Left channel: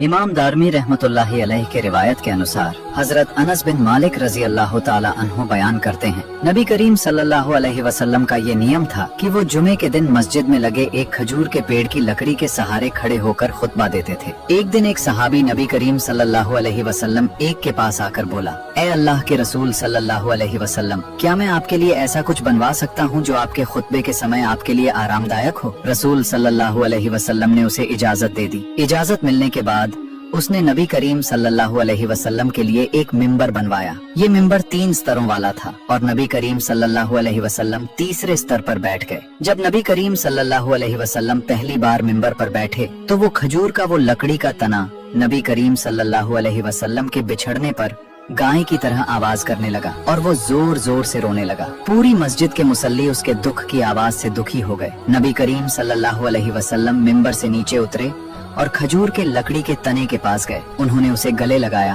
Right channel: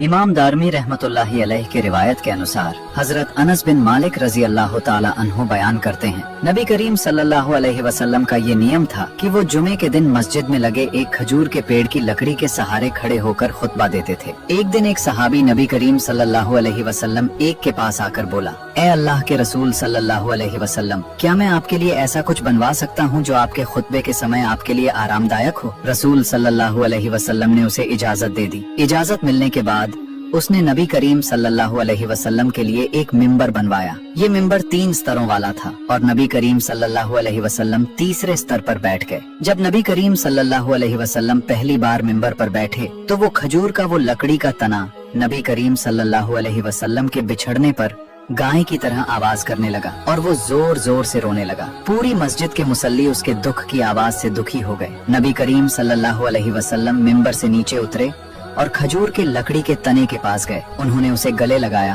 इमाम दारमी रहमतुल्लाहि अलैह के रिवायत के अनुसार हजरत अनस बिन मालिक रजी अल्लाह ताला अन्हु बयान करते हैं, नबी करीम सल्लल्लाहु अलैहि वसल्लम का ये नियम था कि वो जुमे के दिन मस्जिद में लगे एक खजूर के पेड़ की लकड़ी के सहारे खड़े होकर खुतबा देते थे। एक दिन एक सहाबी नबी करीम सल्लल्लाहु अलैहि वसल्लम एक के पास आकर बोला, ए अल्लाह के रसूल सल्लल्लाहु अलैहि वसल्लम, क्या मैं आपके लिए ऐसा कुछ बनवा सकता हूँ जो आपके खुतबे के समय आपके लिए आरामदायक हो? रसूल सल्लल्लाहु अलैहि वसल्लम ने उसे इजाजत दे दी। इजाजत मिलने के बाद उसने नबी करीम सल्लल्लाहु अलैहि वसल्लम के लिए एक मिंबर बनवाया। ये मिंबर 3 स्तरों वाला था और नबी करीम सल्लल्लाहु अलैहि वसल्लम तीसरे स्तर पर बैठ गए। जब नबी करीम सल्लल्लाहु अलैहि वसल्लम पहली बार मिंबर पर बैठे तो वो खजूर का वो लकड़ी का तना नबी करीम सल्लल्लाहु अलैहि वसल्लम के बिछड़ने पर गाय की तरह आवाज करने लगा और वो जोर जोर से रोने लगा। पूरी मस्जिद के मुसल्ली उसके दुख की आवाज से दुखी हो गए। नबी करीम सल्लल्लाहु अलैहि वसल्लम मिंबर से नीचे उतरे और खजूर के लकड़ी के तने के पास गए। उन्होंने उसे गले लगाया।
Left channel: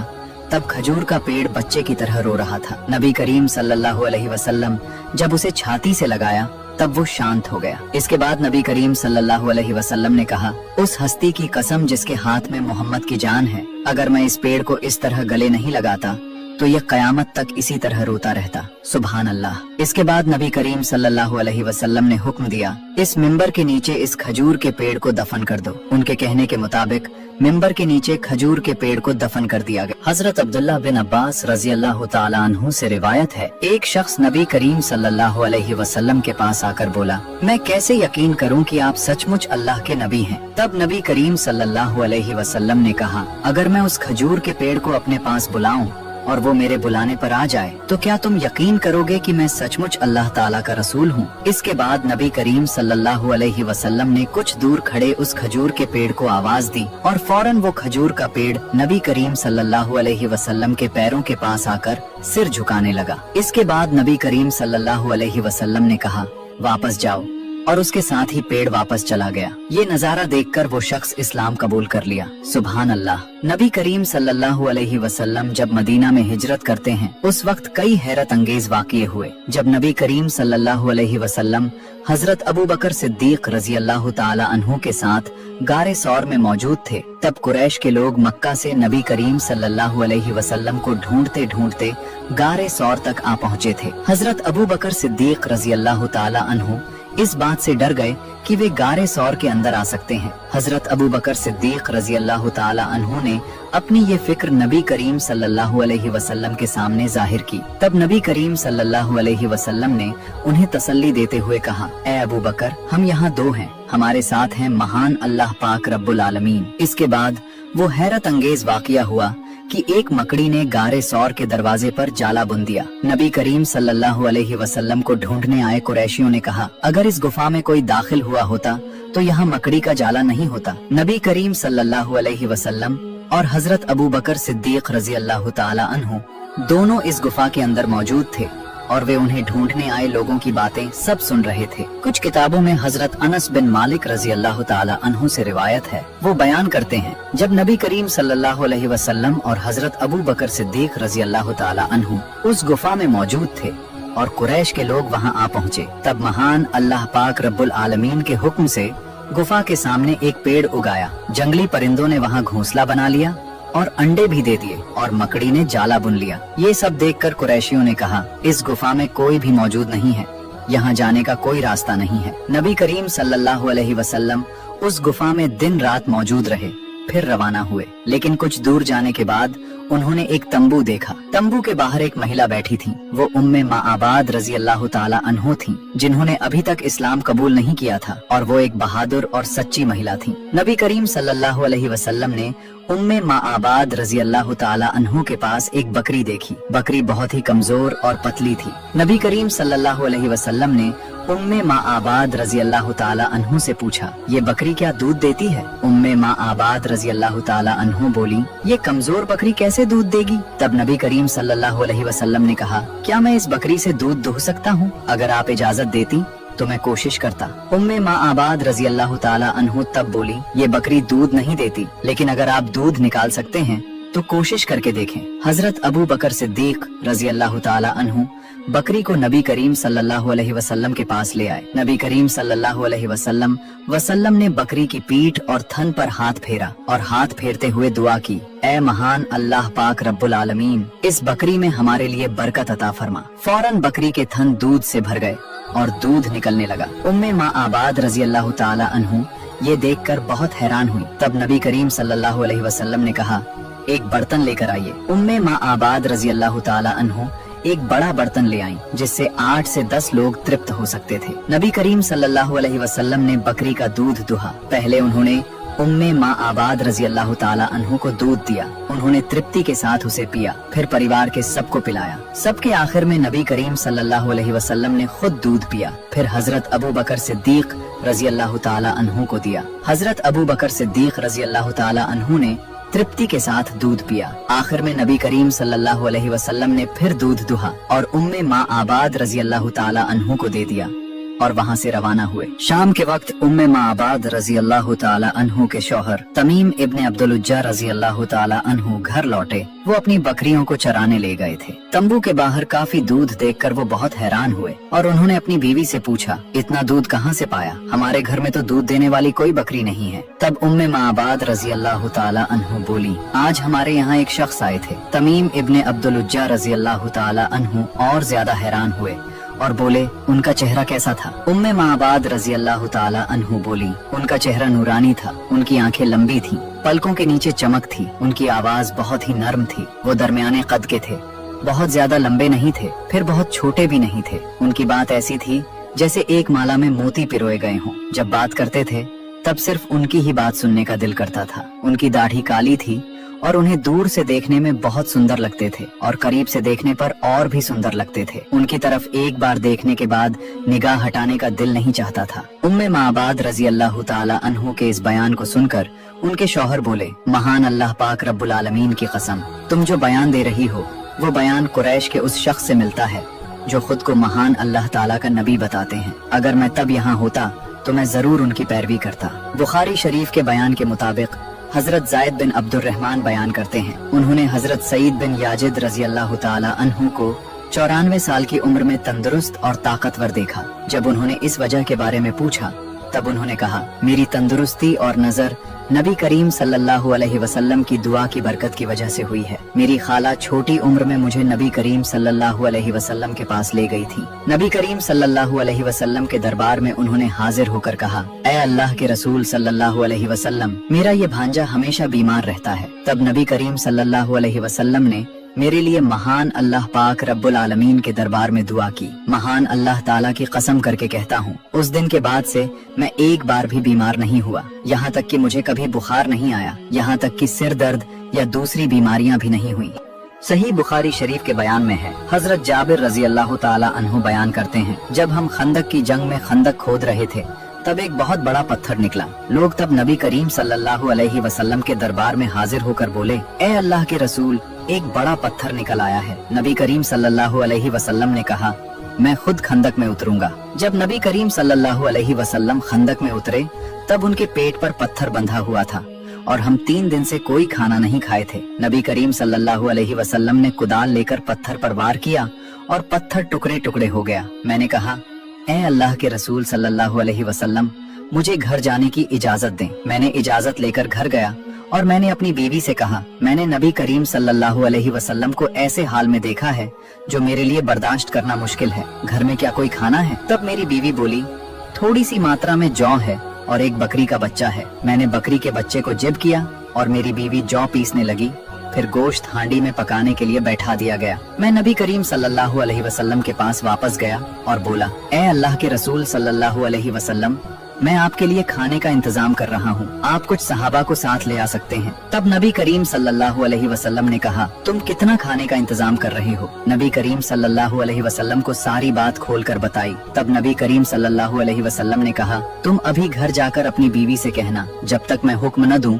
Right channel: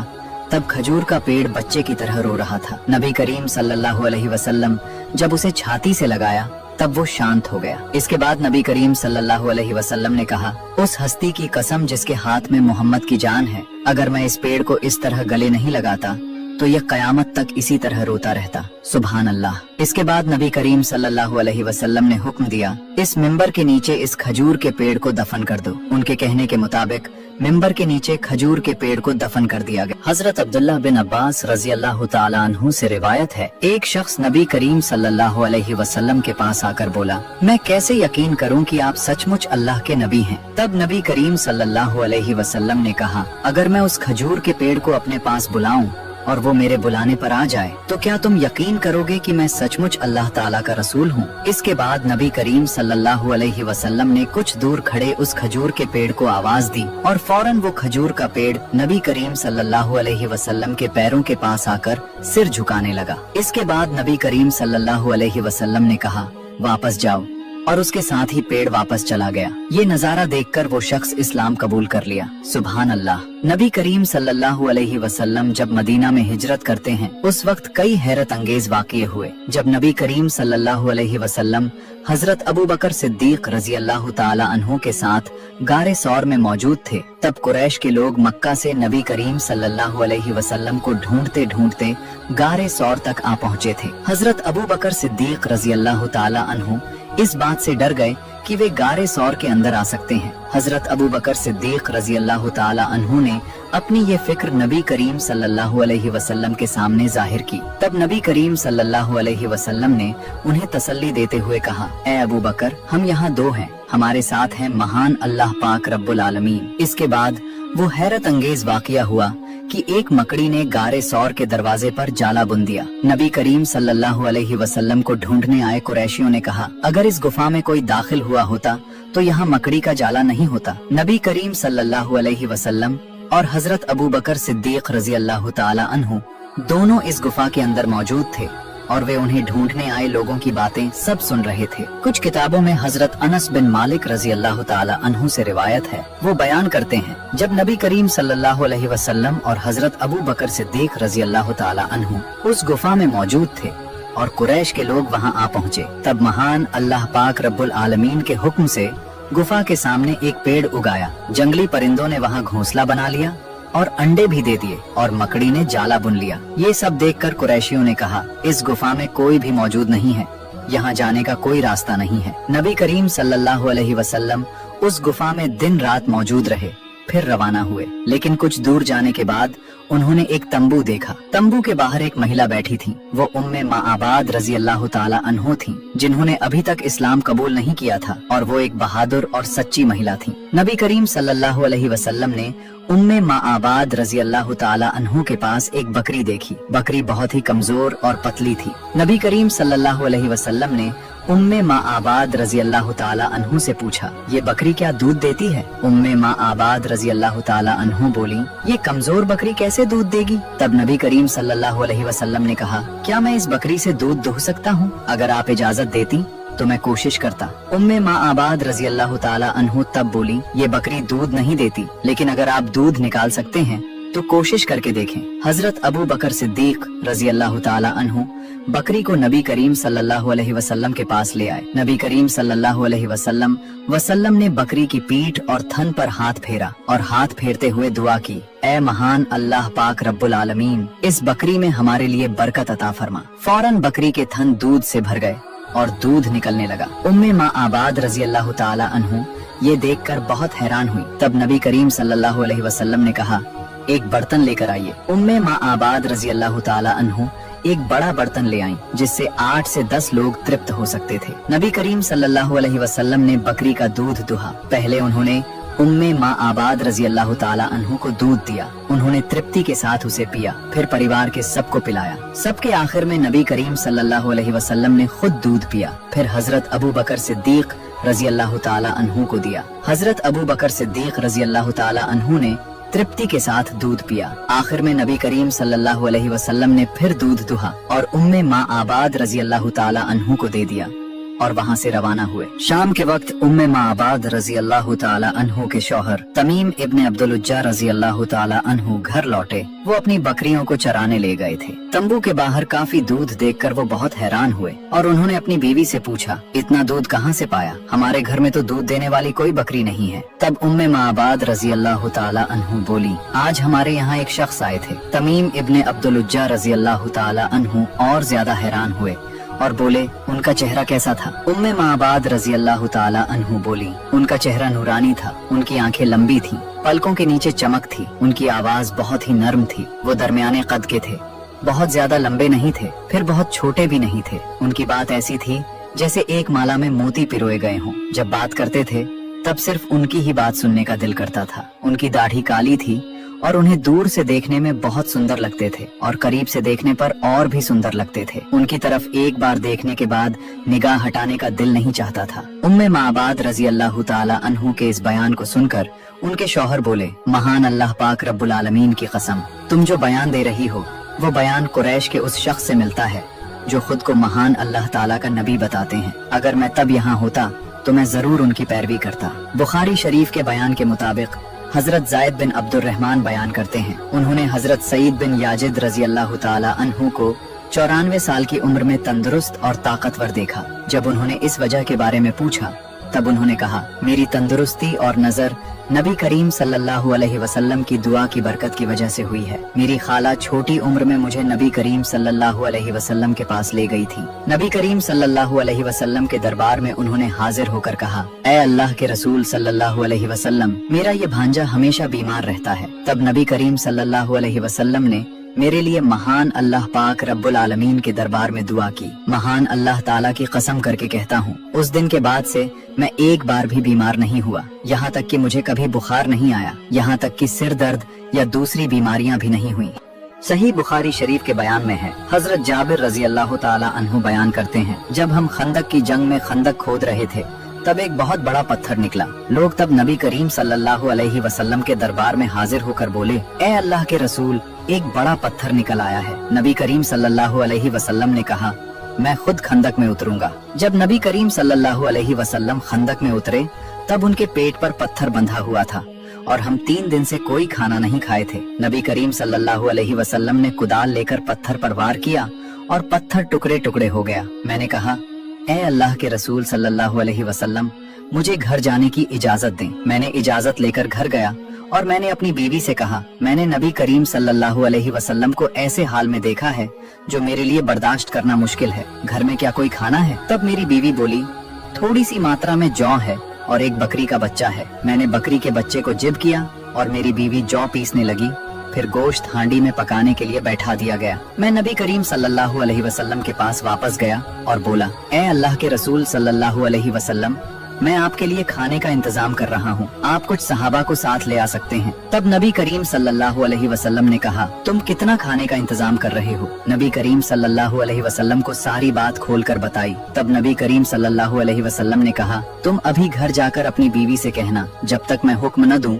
तब खजूर का पेड़ बच्चे की तरह रो रहा था। नबी करीम सल्लल्लाहु अलैहि वसल्लम जब उसे छाती से लगाया तब वो शांत हो गया। इसके बाद नबी करीम सल्लल्लाहु अलैहि वसल्लम ने कहा, उस हस्ती की कसम जिसके हाथ में मोहम्मद की जान है, अगर मैं इस पेड़ को इस तरह गले नहीं लगाता तो यह कयामत तक इसी तरह रोता रहता। सुभान अल्लाह। इसके बाद नबी करीम सल्लल्लाहु अलैहि वसल्लम ने हुक्म दिया, इस मिंबर के नीचे इस खजूर के पेड़ को दफन कर दो। उनके कहने के मुताबिक मिंबर के नीचे खजूर के पेड़ को दफन कर दिया गया। हजरत अब्दुल्लाह बिन अब्बास रजी अल्लाह ताला अन्हु से रिवायत है, एक शख्स नबी करीम सल्लल्लाहु अलैहि वसल्लम के पास आकर बोला, मैं कैसे यकीन करूं कि आप सचमुच अल्लाह के नबी हैं? तब नबी करीम सल्लल्लाहु अलैहि वसल्लम ने कहा, अगर मैं उस खजूर के पेड़ को अपने पास बुलाऊं और वो मेरे बुलाने पर आ जाए तो क्या तुम यकीन करोगे कि मैं सचमुच अल्लाह ताला का रसूल हूँ? इसके बाद नबी करीम सल्लल्लाहु अलैहि वसल्लम ने कुछ दूर खड़े उस खजूर के पेड़ को आवाज दी और फौरन वो खजूर का पेड़ नबी करीम सल्लल्लाहु अलैहि वसल्लम के पैरों के पास आकर सिर झुकाने लगा। इसके बाद नबी करीम सल्लल्लाहु अलैहि वसल्लम ने कहा, वापस जाओ, और उसके साथ ही पेड़ वापस चला गया। ये नजारा देखकर वो शख्स इस्लाम कबूल कर लिया। सुभान अल्लाह। नबी करीम सल्लल्लाहु अलैहि वसल्लम जब मदीना में हिजरत करते हैं उस वक्त कई हैरत अंगेज वाक़ये हुए। जब नबी करीम सल्लल्लाहु अलैहि वसल्लम हजरत अबू बकर सिद्दीक रजी अल्लाह ताला अन्हु के साथ गारे सौर में मौजूद थे, तब कुरैश के लोग मक्का से नबी करीम सल्लल्लाहु अलैहि वसल्लम को ढूंढते ढूंढते गारे सौर तक आ पहुँचे थे। हजरत अबू बकर सिद्दीक रजी अल्लाह ताला अन्हु इस बात से डर गए कि वे गारे सौर के अंदर आ सकते हैं। हजरत अबू बकर सिद्दीक रजी अल्लाह ताला अन्हु ने अपनी ये फिक्र नबी करीम सल्लल्लाहु अलैहि वसल्लम के सामने जाहिर की। तब नबी करीम सल्लल्लाहु अलैहि वसल्लम ने उन्हें तसल्ली देते हुए कहा, ए अबू बकर, हम यहाँ 2 हैं, हमारे साथ है महान अल्लाह पाक रब्बुल आलमीन। इसके बाद वो हैरत अंगेज वाक़या हुआ कि एक मकड़ी ने गारे सौर के दरवाजे पर जाला बुन दिया। नबी करीम सल्लल्लाहु अलैहि वसल्लम को ढूंढने आए कुरैशियों ने कहा, अगर इस गुफा में कोई दाखिल हुआ होता तो यहाँ मकड़ी का जाला नहीं होता। नबी करीम सल्लल्लाहु अलैहि वसल्लम और हजरत अबू बकर सिद्दीक रजी अल्लाह ताला अन्हु दोनों इस गुफा के अंदर मौजूद थे और वे उन्हें ढूंढने आए लोगों की बातें सब सुन रहे थे। कुछ किताबों में हजरत अनस बिन मालिक रजी अल्लाह ताला अन्हु से रिवायत है, वो बयान करते हैं, जब नबी करीम सल्लल्लाहु अलैहि वसल्लम और हजरत अबू बकर सिद्दीक रजी अल्लाह ताला अन्हु उस गुफा में मौजूद थे और कुरैश के लोग वहाँ आ पहुँचे, तब महान अल्लाह पाक रब्बुल आलमीन के हुक्म से गुफा के सामने एक पेड़ उगाया। जंगली परिंदों ने वहाँ घोंसला बना लिया और अंडे भी दे दिए और मकड़ी ने जाला बुन लिया। ये सब देखकर कुरैशियों ने कहा, इस गुफा में कोई भी मौजूद नहीं है, यहाँ जाने का कोई रास्ता नहीं है। नबी करीम सल्लल्लाहु अलैहि वसल्लम उस गुफा में दिन रात मौजूद रहे, फिर रवाना हुए। लेकिन कुछ दूर जाने के बाद उन्होंने एक तंबू देखा। तंबू के बाहर एक महिला बैठी थी। वो उम्मे माआबाद रजी अल्लाह ताला अन्हो थी, जिन्होंने अभी तक इस्लाम कबूल नहीं किया था और वो एक बहादुर और सच्ची महिला थी। नबी करीम सल्लल्लाहु अलैहि वसल्लम ने उम्मे माआबाद रजी अल्लाह ताला अन्हो के पास एक बकरी देखी। बकरी बहुत ही कमजोर और पतली थी। नबी करीम सल्लल्लाहु अलैहि वसल्लम ने उम्मे माआबाद रजी अल्लाह ताला अन्हु से पूछा, ये बकरी क्या दूध देती है? उम्मे माआबाद रजी अल्लाह ताला अन्हु बोली, ये कमजोर बकरी कैसे दूध देगी? तब नबी करीम सल्लल्लाहु अलैहि वसल्लम ने कहा, क्या मैं इस बकरी से दूध दूह सकता हूँ? अगर आप इजाजत देती तो मैं कोशिश करता। उम्मे माआबाद रजी अल्लाह ताला अन्हु तब बोली, ये बकरी दूध नहीं देती, लेकिन अगर आप दूध निकाल सकते हैं तो कोशिश करके देखें। हजरत अबू बकर सिद्दीक रजी अल्लाह ताला अन्हु बकरी को नबी करीम सल्लल्लाहु अलैहि वसल्लम के पास ले आए। नबी करीम सल्लल्लाहु अलैहि वसल्लम ने बकरी की पीठ और थन पर हाथ फेरा और हाथ फेरते हुए दुआ की, ए महान अल्लाह पाक रब्बुल आलमीन, इस बकरी में हमारे लिए बरकत अता फरमा। फौरन बकरी के थन दूध से भर गए और दूध निकलने लगा। उम्मे माँ आबाद रजी अल्लाह ताला अन्हु ये देखकर बहुत हैरान हुई। तब नबी करीम सल्लल्लाहु अलैहि वसल्लम ने कहा, एक बर्तन लेकर आइए। उम्मे माँ आबाद रजी अल्लाह ताला अन्हु एक बड़ा बर्तन ले आई जिससे 8 से 10 लोग तृप्त हो सकते थे। नबी करीम सल्लल्लाहु अलैहि वसल्लम ने बकरी का दूध दुहा। पहले उन्होंने उम्मे माँ आबाद रजी अल्लाह ताला अन्हु को दूध दिया। उन्होंने तृप्ति के साथ उसे पिया, फिर परिवार के सबको पिलाया। सबके आखिर में नबी करीम सल्लल्लाहु अलैहि वसल्लम ने खुद दूध पिया, फिर हजरत अबू बकर सिद्दीक रजी अल्लाह ताला अन्हु को दिया। हजरत अबू बकर सिद्दीक रजी अल्लाह ताला अन्हु ने तृप्ति के साथ दूध पिया। आखिर में नबी करीम सल्लल्लाहु अलैहि वसल्लम ने फिर दूध दुहा और उम्मे माँ आबाद रजी अल्लाह ताला अन्हु को दे दिया और वहाँ से रवाना हुए। शाम के वक्त उम्मे माँ आबाद रजी अल्लाह ताला अन्हु के शौहर तमीम इब्ने अब्दुल उज्जा रजी अल्लाह ताला अन्हु घर लौटे। वो अपनी बकरियों को चराने ले गए थे। तंबू के बाहर काफी दूध देखकर वो बहुत हैरान हुए और उन्होंने अपनी बीवी से पूछा, इतना दूध कहाँ से पाया? हमारे घर में तो दूध देने वाली कोई बकरी नहीं है। तब उम्मे माँ आबाद रजी अल्लाह ताला अन्हु बोली, आज हमारे यहाँ एक शख्स आए थे। तमीम इब्ने अब्दुल उज्जा रजी अल्लाह ताला अन्हु और ज्यादा हैरान हुए और बोले, उनका चेहरा कैसा था? उम्मे माँ आबाद रजी अल्लाह ताला अन्हु बोली, उनका चेहरा नूरानी था, उनकी आंखें लंबी थी, पलकों के नीचे चमक थी, उनकी आवाज बहुत ही नर्म थी। वो दरमियाने कद के थे, बहुत ज्यादा लंबे नहीं थे, फिर बहुत छोटे भी नहीं थे। उनकी बात ऐसी थी जैसे एक माला में मोती पिरोए गए हों। जब बात करते थे तब सिर्फ उनकी ही बात सुनने का दिल करता था। उनकी दाढ़ी काली थी और उन्हें दूर से देखने में बहुत सुंदर लगते थे और करीब से देखने पर और भी सुंदर लगते थे। उनकी तरफ एक बार देखने के बाद निगाह हटाने का दिल नहीं चाहता था। उम्मे माँ आबाद रजी अल्लाह ताला अन्हु के इस बयान को सुनकर उनके शौहर बोले, महान अल्लाह पाक रब्बुल आलमीन की कसम, तुम जो बयान दे रही हो वो बयान कुरैश के उस शख्स से मिलता है जो खुद को महान अल्लाह ताला का नबी बताते हैं। अगर मैं तब यहाँ होता तो मैं जरूर उनकी पैरवी करता। बुखारी शरीफ के बयान के मुताबिक हजरत जायद बिन अब्दुल रहमान बयान करते हैं, उन्होंने हजरत सईद बिन याजिद रजी अल्लाह ताला अन्हु को 94 साल की उम्र में तंदुरुस्त और ताकतवर देखा। जब उन्होंने इस वजह के बारे में पूछा तब उन्होंने कहा, मेरी तंदुरुस्ती और नजर नबी करीम सल्लल्लाहु अलैहि वसल्लम की दुआ की बरकत की वजह से हुई है। मेरी खाला छोटी उम्र में मुझे नबी करीम सल्लल्लाहु अलैहि वसल्लम के पास ले गई थी। नबी करीम सल्लल्लाहु अलैहि वसल्लम के दरबार में उन्होंने हाजिर होकर कहा, ऐ अल्लाह के रसूल सल्लल्लाहु अलैहि वसल्लम, मेरा ये भांजा हमेशा बीमार रहता है। तब नबी करीम सल्लल्लाहु अलैहि वसल्लम ने मेरे लिए महान अल्लाह पाक रब्बुल आलमीन के दरबार में दुआ की। महान अल्लाह ताला की कसम करके कहता हूँ, उस दिन के बाद से मैं एक बार भी बीमार नहीं हुआ, यहाँ तक कि मुझे कभी बुखार नहीं आया, यहाँ तक कि सिर दर्द या दूसरी बीमारियाँ भी नहीं हुई। सही बुखारी शरीफ के बयान में है, हजरत जाबिर रजी अल्लाह ताला अन्हु बयान करते हैं, जब हम खंदक की जंग में खंदक खोद रहे थे तब एक बहुत बड़ा पत्थर निकला। लोग तब नबी करीम सल्लल्लाहु अलैहि वसल्लम के दरबार में हाजिर होकर बोले, ए अल्लाह के रसूल, एक बड़ा पत्थर निकल आया है। नबी करीम सल्लल्लाहु अलैहि वसल्लम ने कहा, मैं खुद खंदक में उतरूंगा। जब नबी करीम सल्लल्लाहु अलैहि वसल्लम खंदक में उतरे तब उनके पेट पर पत्थर बंधा हुआ था और हम 3 दिन से कोई खाना नहीं खाए थे। नबी करीम सल्लल्लाहु अलैहि वसल्लम ने कुदाल लेकर पत्थर पर वार किया और पत्थर टुकड़े टुकड़े हो गया। मैंने कहा, ए अल्लाह के रसूल सल्लल्लाहु अलैहि वसल्लम, मुझे घर जाने की इजाजत दें। मैंने इजाजत लेकर घर गया और मैंने अपनी बीवी से कहा, मैंने नबी करीम सल्लल्लाहु अलैहि वसल्लम को ऐसे हाल में देखा है जो मेरे लिए बर्दाश्त करना मुश्किल है। घर में क्या कोई खाना है? तब मेरी बीवी बोली, थोड़ी सी मात्रा में जौ है और एक बकरी का बच्चा है। मैंने बकरी के बच्चे को जिब किया और मेरी बीवी जौ पीसने लगी। फिर गोश्त हांडी में पकाने के लिए बैठा दिया गया। मैं नबी करीम सल्लल्लाहु अलैहि वसल्लम के पास वापस गया और बोला, ए अल्लाह के रसूल सल्लल्लाहु अलैहि वसल्लम, मैं आपके लिए खाने का इंतजाम कर रहा हूँ, आप कुछ सहाबा को साथ ले आ सकते हैं। तब नबी करीम सल्लल्लाहु अलैहि वसल्लम ने कहा, तुम कितना खाने का इंतजाम कर रहे हो? नबी करीम सल्लल्लाहु अलैहि वसल्लम को सारी बात खोलकर बताई। तब नबी करीम सल्लल्लाहु अलैहि वसल्लम ने कहा, तुम अभी घर जाकर अपनी बीवी से कहना, जब तक मैं हुक्म न दूं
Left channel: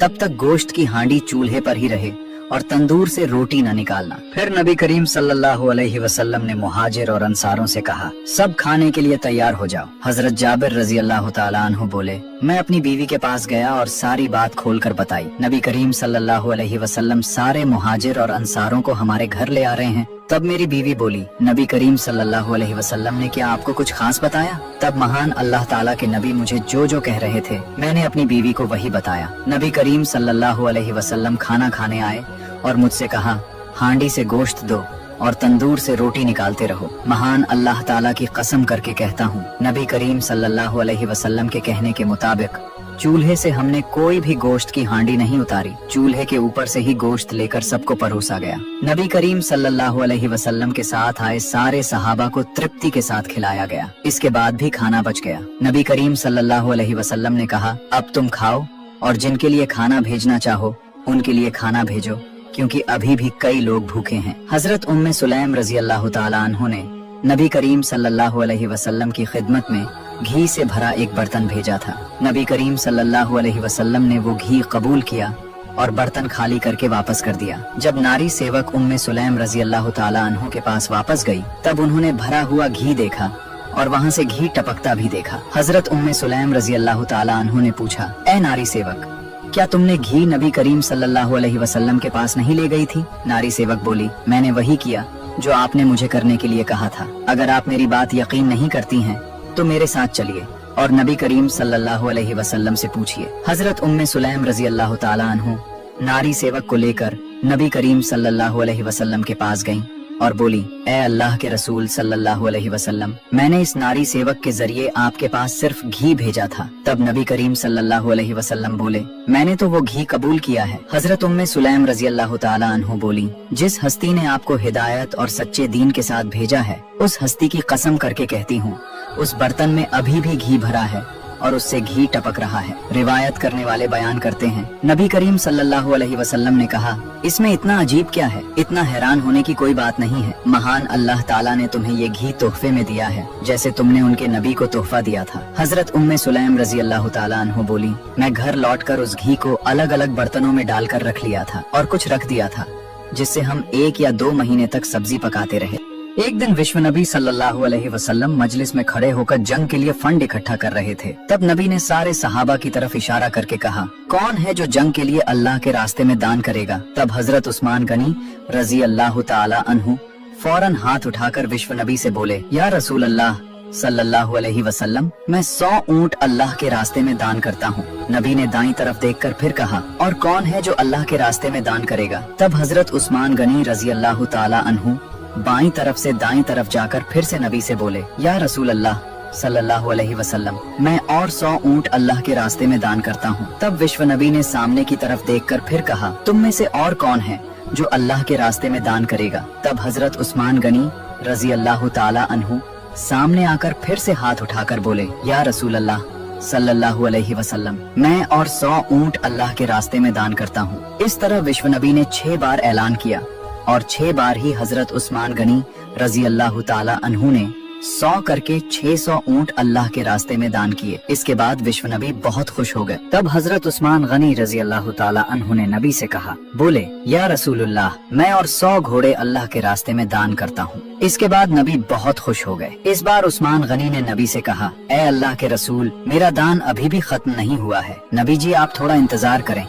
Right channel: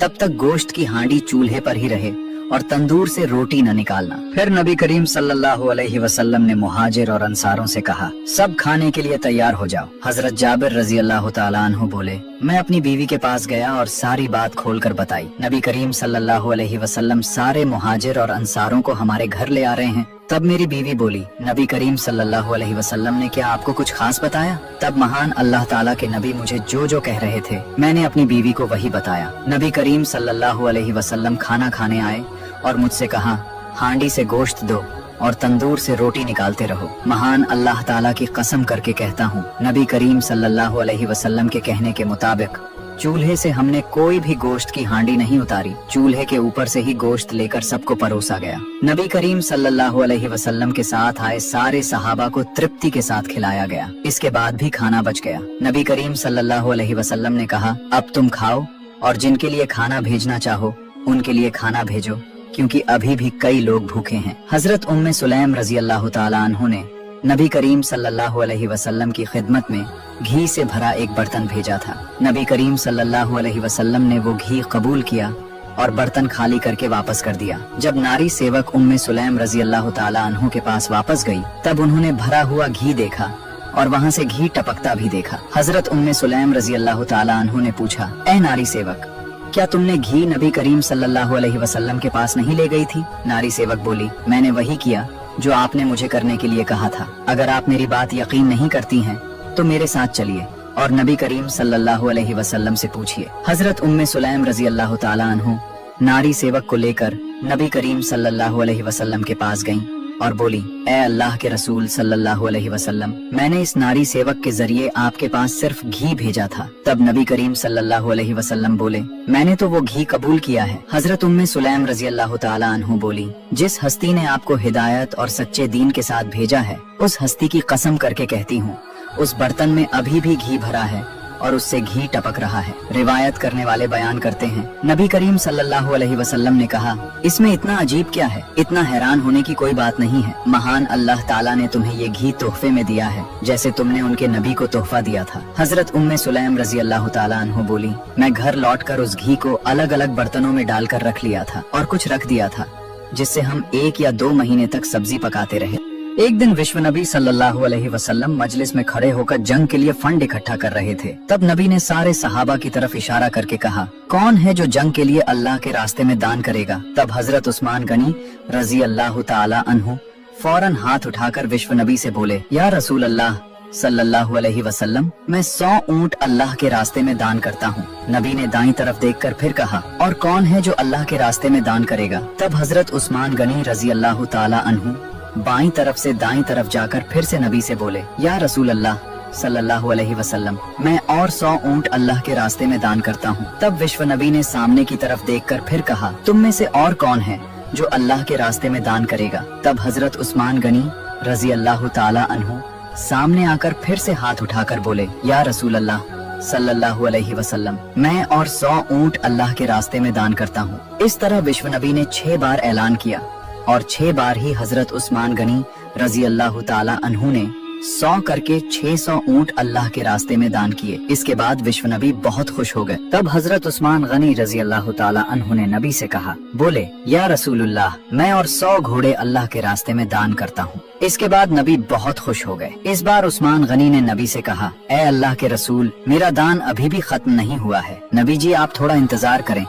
तब तक गोश्त की हांडी चूल्हे पर ही रहे और तंदूर से रोटी न निकालना। फिर नबी करीम सल्लल्लाहु अलैहि वसल्लम ने मुहाजिर और अंसारों से कहा, सब खाने के लिए तैयार हो जाओ। हजरत जाबिर रजी अल्लाह ताला अन्हु बोले, मैं अपनी बीवी के पास गया और सारी बात खोलकर बताई। नबी करीम सल्लल्लाहु अलैहि वसल्लम सारे मुहाजिर और अंसारों को हमारे घर ले आ रहे हैं। तब मेरी बीवी बोली, नबी करीम सल्लल्लाहु अलैहि वसल्लम ने क्या आपको कुछ खास बताया? तब महान अल्लाह ताला के नबी मुझे जो जो कह रहे थे मैंने अपनी बीवी को वही बताया। नबी करीम सल्लल्लाहु अलैहि वसल्लम खाना खाने आए और मुझसे कहा, हांडी से गोश्त दो और तंदूर से रोटी निकालते रहो। महान अल्लाह ताला की कसम करके कहता हूँ, नबी करीम सल्लल्लाहु अलैहि वसल्लम के कहने के मुताबिक चूल्हे से हमने कोई भी गोश्त की हांडी नहीं उतारी। चूल्हे के ऊपर से ही गोश्त लेकर सबको परोसा गया। नबी करीम सल्लल्लाहु अलैहि वसल्लम के साथ आए सारे सहाबा को तृप्ति के साथ खिलाया गया। इसके बाद भी खाना बच गया। नबी करीम सल्लल्लाहु अलैहि वसल्लम ने कहा, अब तुम खाओ और जिनके लिए खाना भेजना चाहो उनके लिए खाना भेजो, क्योंकि अभी भी कई लोग भूखे हैं। हजरत उम्मे सुलैम रजी अल्लाह ताला अन्हो ने नबी करीम सल्लल्लाहु अलैहि वसल्लम की खिदमत में घी से भरा एक बर्तन भेजा था। नबी करीम सल्लल्लाहु अलैहि वसल्लम ने वो घी कबूल किया और बर्तन खाली करके वापस कर दिया। जब नारी सेवक उम्मे सुलैम रजी अल्लाह ताला अन्हो के पास वापस गई, तब उन्होंने भरा हुआ घी देखा और वहाँ से घी टपकता भी देखा। हजरत उम्मे सुलैम रजी अल्लाह ताला अन्हो ने पूछा, ए नारी सेवक, क्या तुमने घी नबी करीम सल्लल्लाहु अलैहि वसल्लम के पास नहीं ले गई थी? नारी सेवक बोली, मैंने वही किया जो आपने मुझे करने के लिए कहा था। अगर आप मेरी बात यकीन नहीं करती हैं तो मेरे साथ चलिए और नबी करीम सल्लल्लाहु अलैहि वसल्लम से पूछिए। हजरत उम्मे सुलैम रजी अल्लाह ताला अन्हु नारी सेवक को लेकर नबी करीम सल्लल्लाहु अलैहि वसल्लम के पास गईं और बोली, ए अल्लाह के रसूल सल्लल्लाहु अलैहि वसल्लम, मैंने इस नारी सेवक के जरिए आपके पास सिर्फ घी भेजा था। तब नबी करीम सल्लल्लाहु अलैहि वसल्लम बोले, मैंने तो वो घी कबूल किया है। हजरत उम्मे सुलैम रजी अल्लाह ताला अन्हु बोली, जिस हस्ती ने आपको हिदायत और सच्चे दीन के साथ भेजा है, उस हस्ती की कसम करके कहती हूँ, उस बर्तन में अभी भी घी भरा है और उससे घी टपक रहा है। रिवायत करने वाले बयान करते हैं, नबी करीम सल्लल्लाहु अलैहि वसल्लम ने कहा, इसमें इतना अजीब क्या है? इतना हैरान होने की कोई बात नहीं है। महान अल्लाह ताला ने तुम्हें ये घी तोहफे में दिया है, जैसे तुमने उनके नबी को तोहफा दिया था। हजरत उम्मे सुलैम रजी अल्लाह ताला अन्हु बोली, मैं घर लौटकर उस घी को अलग अलग बर्तनों में डालकर रख लिया था और कुछ रख दिया था, जिससे हम 1 या 2 महीने तक सब्जी पकाते रहे। एक दिन विश्व नबी सल्लल्लाहु अलैहि वसल्लम मजलिस में खड़े होकर जंग के लिए फंड इकट्ठा कर रहे थे। तब नबी ने सारे सहाबा की तरफ इशारा करके कहा, कौन है जो जंग के लिए अल्लाह के रास्ते में दान करेगा? तब हजरत उस्मान गनी रजी अल्लाह ताला अन्हु फौरन हाथ उठाकर विश्व नबी से बोले, या रसूल अल्लाह सल्लल्लाहु अलैहि वसल्लम, मैं 100 ऊंट अल्लाह के रास्ते में दान करता हूँ। नबी ने दाईं तरफ देखकर फिर कहा, और कौन है जो अल्लाह के रास्ते में दान करेगा? तब हजरत उस्मान गनी रजी अल्लाह ताला अन्हु बाईं तरफ से दाईं तरफ जाकर फिर से नबी से बोले, या रसूल अल्लाह सल्लल्लाहु अलैहि वसल्लम, मैं और 100 ऊंट अल्लाह के रास्ते में दान करता हूँ। तब विश्व नबी ने सामने की तरफ देखकर फिर कहा, तुम में से और कौन है जो अल्लाह के रास्ते में दान करेगा? तब हजरत उस्मान गनी रजी अल्लाह ताला अन्हु सामने आकर फिर से हाथ उठाकर बोले, या रसूल अल्लाह सल्लल्लाहु अलैहि वसल्लम, मैं और 100 ऊंट अल्लाह के रास्ते में दान करता हूँ। इस तरह विश्व नबी ने 6 बार ऐलान किया और 6 बार ही हजरत उस्मान गनी रजी अल्लाह ताला अन्हु ने 100 करके 600 ऊंट अल्लाह के रास्ते में दान किए। इसके बाद विश्व नबी बहुत खुश हो गए। तब हजरत उस्मान गनी रजी अल्लाह ताला अन्हु ने नबी से कहा, बोले, या रसूलुल्लाह, मैं और 100 घोड़े अल्लाह के रास्ते में दान करता हूँ। इसके बाद नबी बहुत खुश हो गए। इस बार उस्मान गनी ने नबी से कहा, ए अल्लाह के रसूल, मेरा दान अभी भी खत्म नहीं हुआ है। नबी जी, आप थोड़ा इंतजार करें,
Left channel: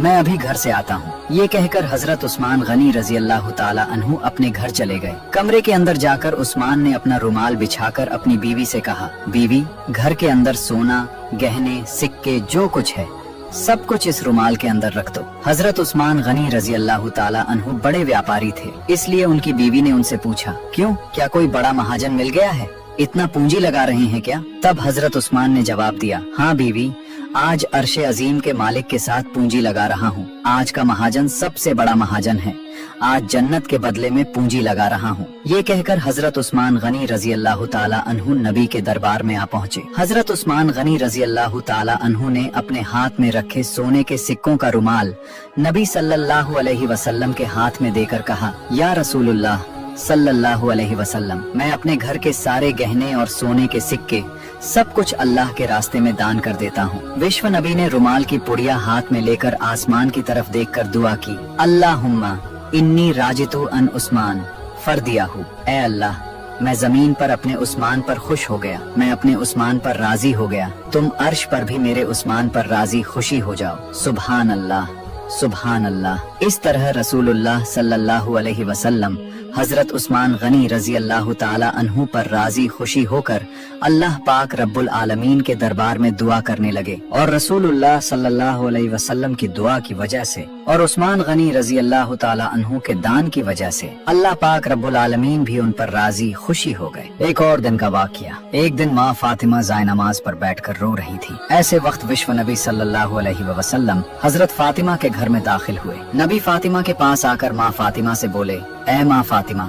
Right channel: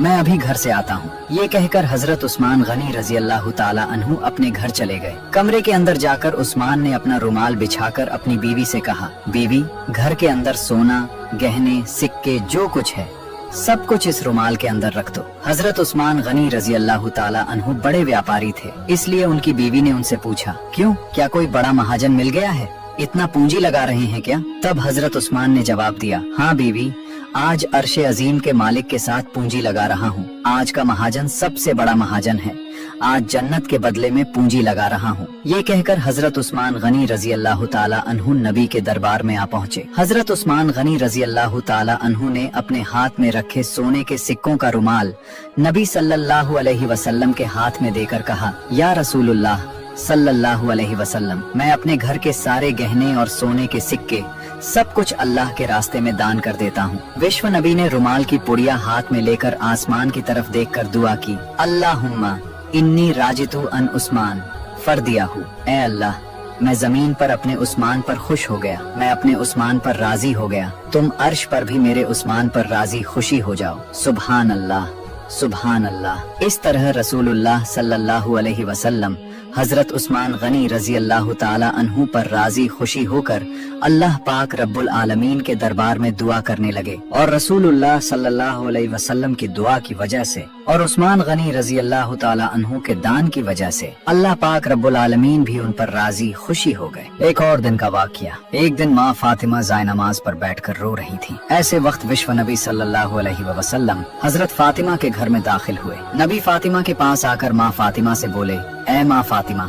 मैं अभी घर से आता हूँ। ये कहकर हजरत उस्मान गनी रजी अल्लाह ताला अन्हु अपने घर चले गए। कमरे के अंदर जाकर उस्मान ने अपना रुमाल बिछाकर अपनी बीवी से कहा, बीवी, घर के अंदर सोना, गहने, सिक्के, जो कुछ है सब कुछ इस रुमाल के अंदर रख दो। हजरत उस्मान गनी रजी अल्लाह ताला अन्हु बड़े व्यापारी थे, इसलिए उनकी बीवी ने उनसे पूछा, क्यों, क्या कोई बड़ा महाजन मिल गया है? इतना पूंजी लगा रहे हैं क्या? तब हजरत उस्मान ने जवाब दिया, हाँ बीवी, आज अर्शे अजीम के मालिक के साथ पूंजी लगा रहा हूँ। आज का महाजन सबसे बड़ा महाजन है। आज जन्नत के बदले में पूंजी लगा रहा हूँ। ये कहकर हजरत उस्मान गनी रजी अल्लाह ताला अन्हु नबी के दरबार में आ पहुँचे। हजरत उस्मान गनी रजी अल्लाह ताला अन्हु ने अपने हाथ में रखे सोने के सिक्कों का रुमाल नबी सल्लल्लाहु अलैहि वसल्लम के हाथ में देकर कहा, या रसूलुल्लाह सल्लल्लाहु अलैहि वसल्लम, मैं अपने घर के सारे गहने और सोने के सिक्के सब कुछ अल्लाह के रास्ते में दान कर देता हूँ। विश्व नबी ने रुमाल की पुड़िया हाथ में लेकर आसमान की तरफ देखकर दुआ की, अल्लाहुम्मा इन्नी राजितु अन उस्मान फर्दियाहू, ऐ अल्लाह मैं जमीन पर अपने उस्मान पर खुश हो गया, मैं अपने उस्मान पर राजी हो गया, तुम अर्श पर भी मेरे उस्मान पर राजी खुशी हो जाओ। सुभान अल्लाह, सुभान अल्लाह। इस तरह रसूलुल्लाह सल्लल्लाहु अलैहि वसल्लम हजरत उस्मान गनी रजी अल्लाह ताला अन्हु पर राजी खुशी होकर अल्लाह पाक रब्बुल आलमीन के दरबार में दुआ करने लगे। और रसूलुल्लाह सल्लल्लाहु अलैहि वसल्लम की दुआ की वजह से और उस्मान गनी रजी अल्लाह ताला अन्हु के दान की वजह से अल्लाह पाक रब्बुल आलमीन भी उन पर राजी खुशी हो गए। एक और दिन का वाकया, एक दिन माँ फातिमा जायनमाज पर बैठकर रो रही थी। ऐसे वक्त विश्व नबी सल्लल्लाहु अलैहि वसल्लम हजरत फातिमा के घर में दाखिल हुए। नबी फातिमा के पास आकर माँ फातिमा से बोले, ऐ माँ फातिमा,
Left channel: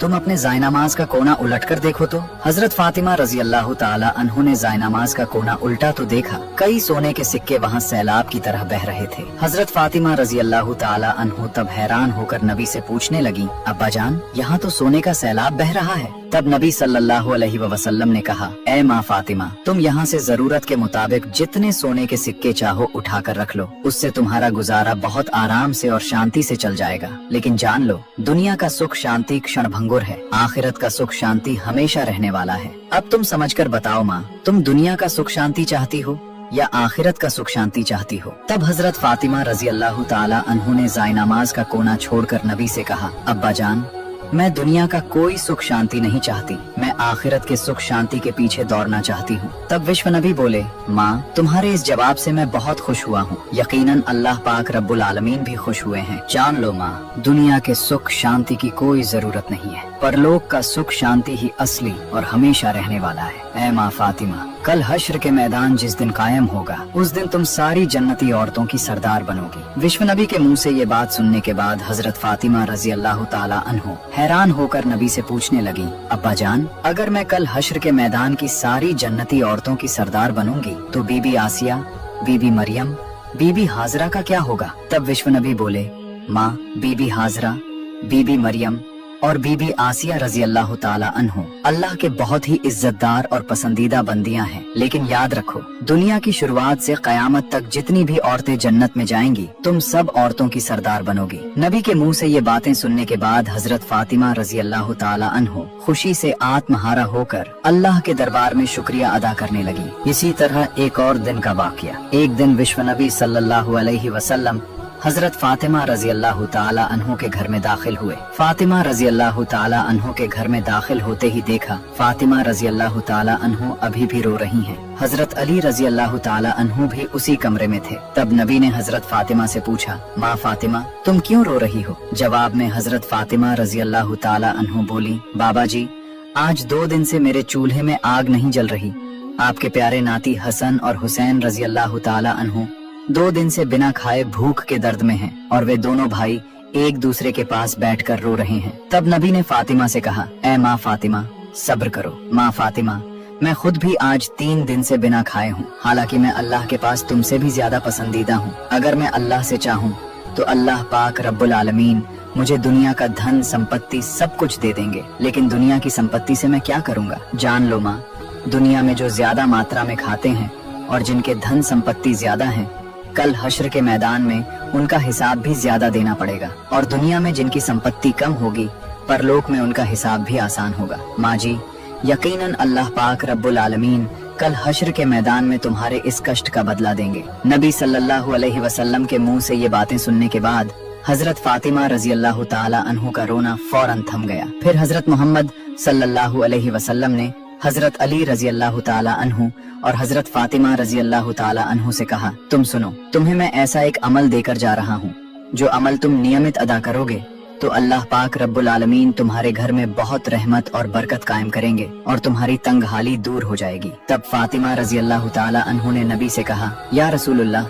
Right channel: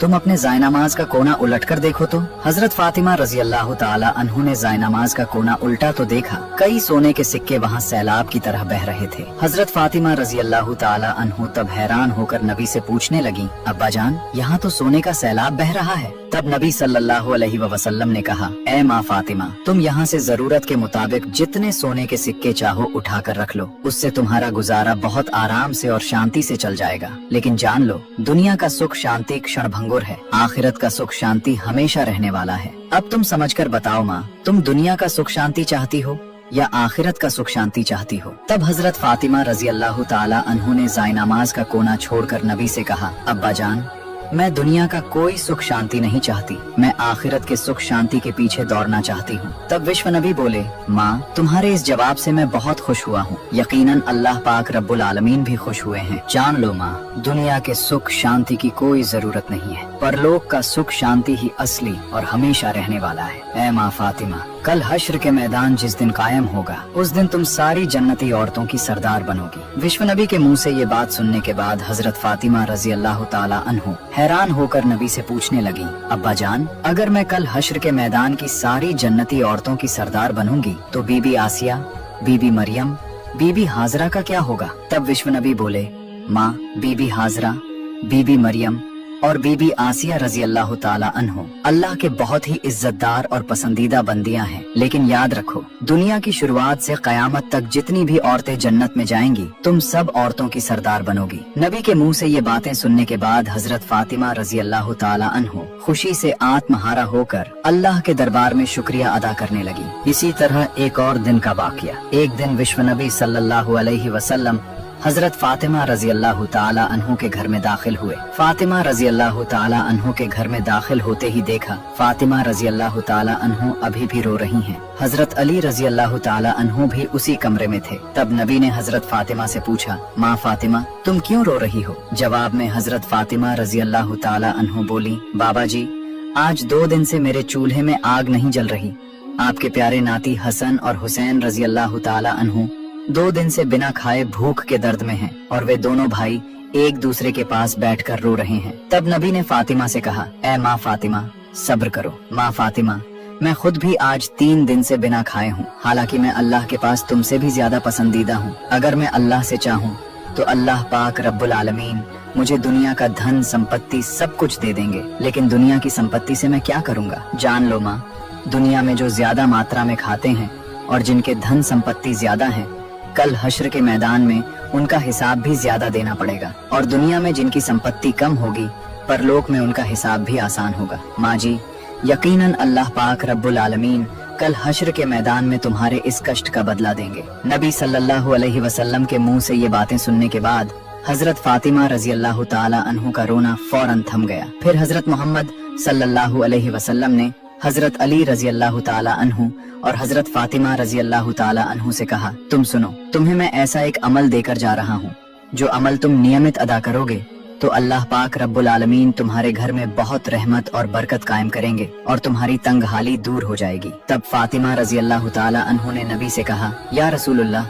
तुम अपने जायनमाज का कोना उलट कर देखो तो। हजरत फातिमा रजी अल्लाह ताला अन्हु ने जायनमाज का कोना उल्टा तो देखा, कई सोने के सिक्के वहाँ सैलाब की तरह बह रहे थे। हजरत फातिमा रजी अल्लाह ताला अन्हु तब हैरान होकर नबी से पूछने लगी, अब्बा जान, यहाँ तो सोने का सैलाब बह रहा है। तब नबी सल्लल्लाहु अलैहि वसल्लम ने कहा, ऐ माँ फातिमा, तुम यहाँ से जरूरत के मुताबिक जितने सोने के सिक्के चाहो उठा कर रख लो, उससे तुम्हारा गुजारा बहुत आराम से और शांति से चल जाएगा। लेकिन जान लो, दुनिया का सुख शांति क्षण भंगुर है, आखिरत का सुख शांति हमेशा रहने वाला है। अब तुम समझकर बताओ माँ, तुम दुनिया का सुख शांति चाहती हो या आखिरत का सुख शांति चाहती हो? तब हजरत फातिमा रजी अल्लाह ताला अन्हु ने जायनमाज का कोना छोड़कर नबी से कहा, अब्बा जान, मैं दुनिया का कोई सुख शांति नहीं चाहती, मैं आखिरत के सुख शांति के पीछे दौड़ना चाहती हूँ। तब विश्व नबी बोले, माँ, तुम्हारे इस जवाब से मैं बहुत खुश हुआ हूँ, यकीनन अल्लाह पाक रब्बुल आलमीन भी खुश हुए हैं। जान लो माँ, दुनिया के सुख शांति की कोई जरूरत नहीं है, परलोक का सुख शांति ही असली और हमेशा रहने वाला है। ऐ माँ फातिमा, कल हश्र के मैदान जिस दिन कायम होगा, उस दिन तुम सारी जन्नती औरतों की सरदार बनोगी। विश्व नबी के मुंह से ये बात सुनने के बाद हजरत फातिमा रजी अल्लाह ताला अन्हु हैरान होकर नबी से पूछने लगी, अब्बा जान, अगर मैं कल हश्र के मैदान की सारी जन्नती औरतों की सरदार बनूंगी तो बीबी आसिया, बीबी मरियम, बीबी हाजरा का क्या होगा? तब विश्व नबी बोले, माँ, बीबी हाजरा, बीबी मरियम और बीबी आसिया रजी अल्लाह ताला अन्हु अल्लाह के बहुत ही इज्जतदार और पसंदीदा बंदियां हैं। लेकिन याद रखो, दुनिया की शुरुआत से कयामत तक जितनी भी औरतें जन्नत में जाएंगी, तुम सब औरतों की सरदार बनोगी। नबी के मुंह से ये बातें सुनने के बाद हजरत फातिमा रजी अल्लाह ताला अन्हु खुशी से आत्महारा होकर अल्लाह के दरबार में शुक्रिया अदा करने लगी। इसी तरह एक और दिन का वाकया, एक दिन विश्व नबी सल्लल्लाहु अलैहि वसल्लम हजरत फातिमा रजी अल्लाह ताला अन्हु के घर में दाखिल हुए। फातिमा रजी अल्लाह ताला अन्हु के घर में दाखिल होते ही देखा, फातिमा रजी अल्लाह ताला अन्हु अभी भी रो रही हैं। हजरत अली रजी अल्लाह ताला अन्हु भी उसी कमरे में थे। तब नबी ने हजरत फातिमा से पूछा, माँ फातिमा, तुम क्यों रो रही हो? जवाब में हजरत फातिमा रजी अल्लाह ताला अन्हु बोली, बाबा जी, आज 2 दिन से मेरे चूल्हे में आग नहीं जल रही। आपके प्यारे नाती हसन और हुसैन रजी अल्लाह ताला अन्हु 2 दिन से बिना खाए भूख के दर्द में हैं और वे दोनों भाई एक दूसरे के पास बैठकर रो रहे हैं। तब नबी ने फातिमा से कहा, ऐ माँ फातिमा, सब्र करो। माँ फातिमा, मैं खुद भी आज 3 दिन से बिना खाए हूँ, हालांकि मैं अल्लाह के पास तुमसे भी ज्यादा पसंदीदा हूँ। अगर मैं अल्लाह से चाहूँ तो अल्लाह पाक रब्बुल आलमीन मुझे दुनिया का धन संपत्ति सब कुछ दे देंगे, लेकिन दुनिया की संपत्ति से मैं क्या करूँगा? जान लो माँ, दुनिया में जो ज्यादा मात्रा में खाते हैं और जिनके धन संपत्ति ज्यादा है, कल हश्र के मैदान में उनका हिसाब भी ज्यादा देना पड़ेगा, और दुनिया में जिनकी संपत्ति कम होगी, परलोक में उनका हिसाब भी आसान होगा। माँ जी, यकीनन अल्लाह पाक रब्बुल आलमीन कल हश्र के मैदान में तुम्हारे इस कष्ट का बदला देंगे। नबी सल्लल्लाहु अलैहि वसल्लम के मुंह से ये बातें सुनने के बाद हजरत फातिमा रजी अल्लाह ताला अन्हु का रोना फौरन थम गया। फिर हजरत मोहम्मद सल्लल्लाहु अलैहि वसल्लम ने हजरत अली रजी अल्लाह ताला अन्हु और हजरत फातिमा रजी अल्लाह ताला अन्हु से कहा, तुम सुनो, तुम्हें मैं ऐसा एक अमल देकर जा रहा हूँ, जो अमल तुम नियमित अदा करोगे तो अल्लाह पाक रब्बुल आलमीन तुम्हारे घर में बहुत रहमत और बरकत कायम करेंगे और तुम्हारी तंगहाली दूर हो जाएगी। तब फातिमा रजी अल्लाह ताला अन्हु ने नबी से कहा, या रसूलुल्लाह,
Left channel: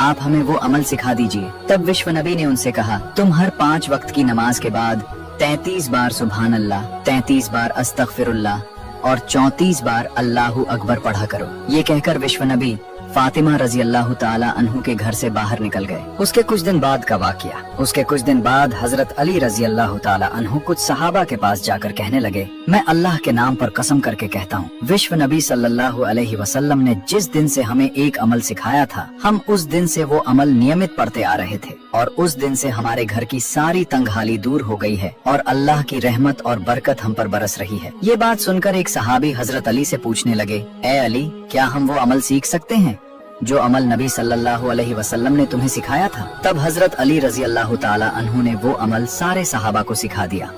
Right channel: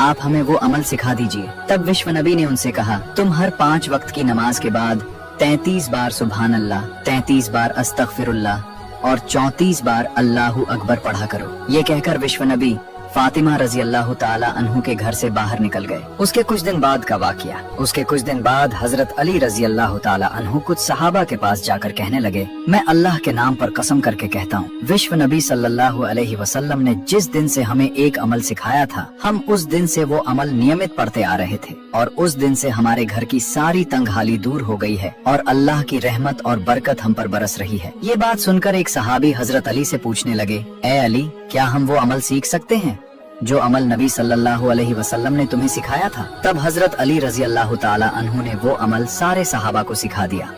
आप हमें वो अमल सिखा दीजिए। तब विश्व नबी ने उनसे कहा, तुम हर 5 वक्त की नमाज के बाद 33 बार सुभान अल्लाह, 33 बार अस्तगफिरुल्लाह और 34 बार अल्लाहु अकबर पढ़ा करो। ये कहकर विश्व नबी फातिमा रजी अल्लाह ताला अन्हु के घर से बाहर निकल गए। उसके कुछ दिन बाद का वाकया। उसके कुछ दिन बाद हजरत अली रजी अल्लाह ताला अन्हु कुछ सहाबा के पास जाकर कहने लगे, मैं अल्लाह के नाम पर कसम करके कहता हूँ, विश्व नबी सल्लल्लाहु अलैहि वसल्लम ने जिस दिन से हमें एक अमल सिखाया था, हम उस दिन से वो अमल नियमित पढ़ते आ रहे थे और उस दिन से हमारे घर की सारी तंगहाली दूर हो गई है और अल्लाह की रहमत और बरकत हम पर बरस रही है। ये बात सुनकर एक सहाबी हजरत अली से पूछने लगे, ए अली, क्या हम वो अमल सीख सकते हैं जो अमल नबी सल्लल्लाहु अलैहि वसल्लम ने तुम्हें सिखाया था? तब हजरत अली रजी अल्लाह ताला अन्हु ने वो अमल सारे सहाबा को सिखा दिया।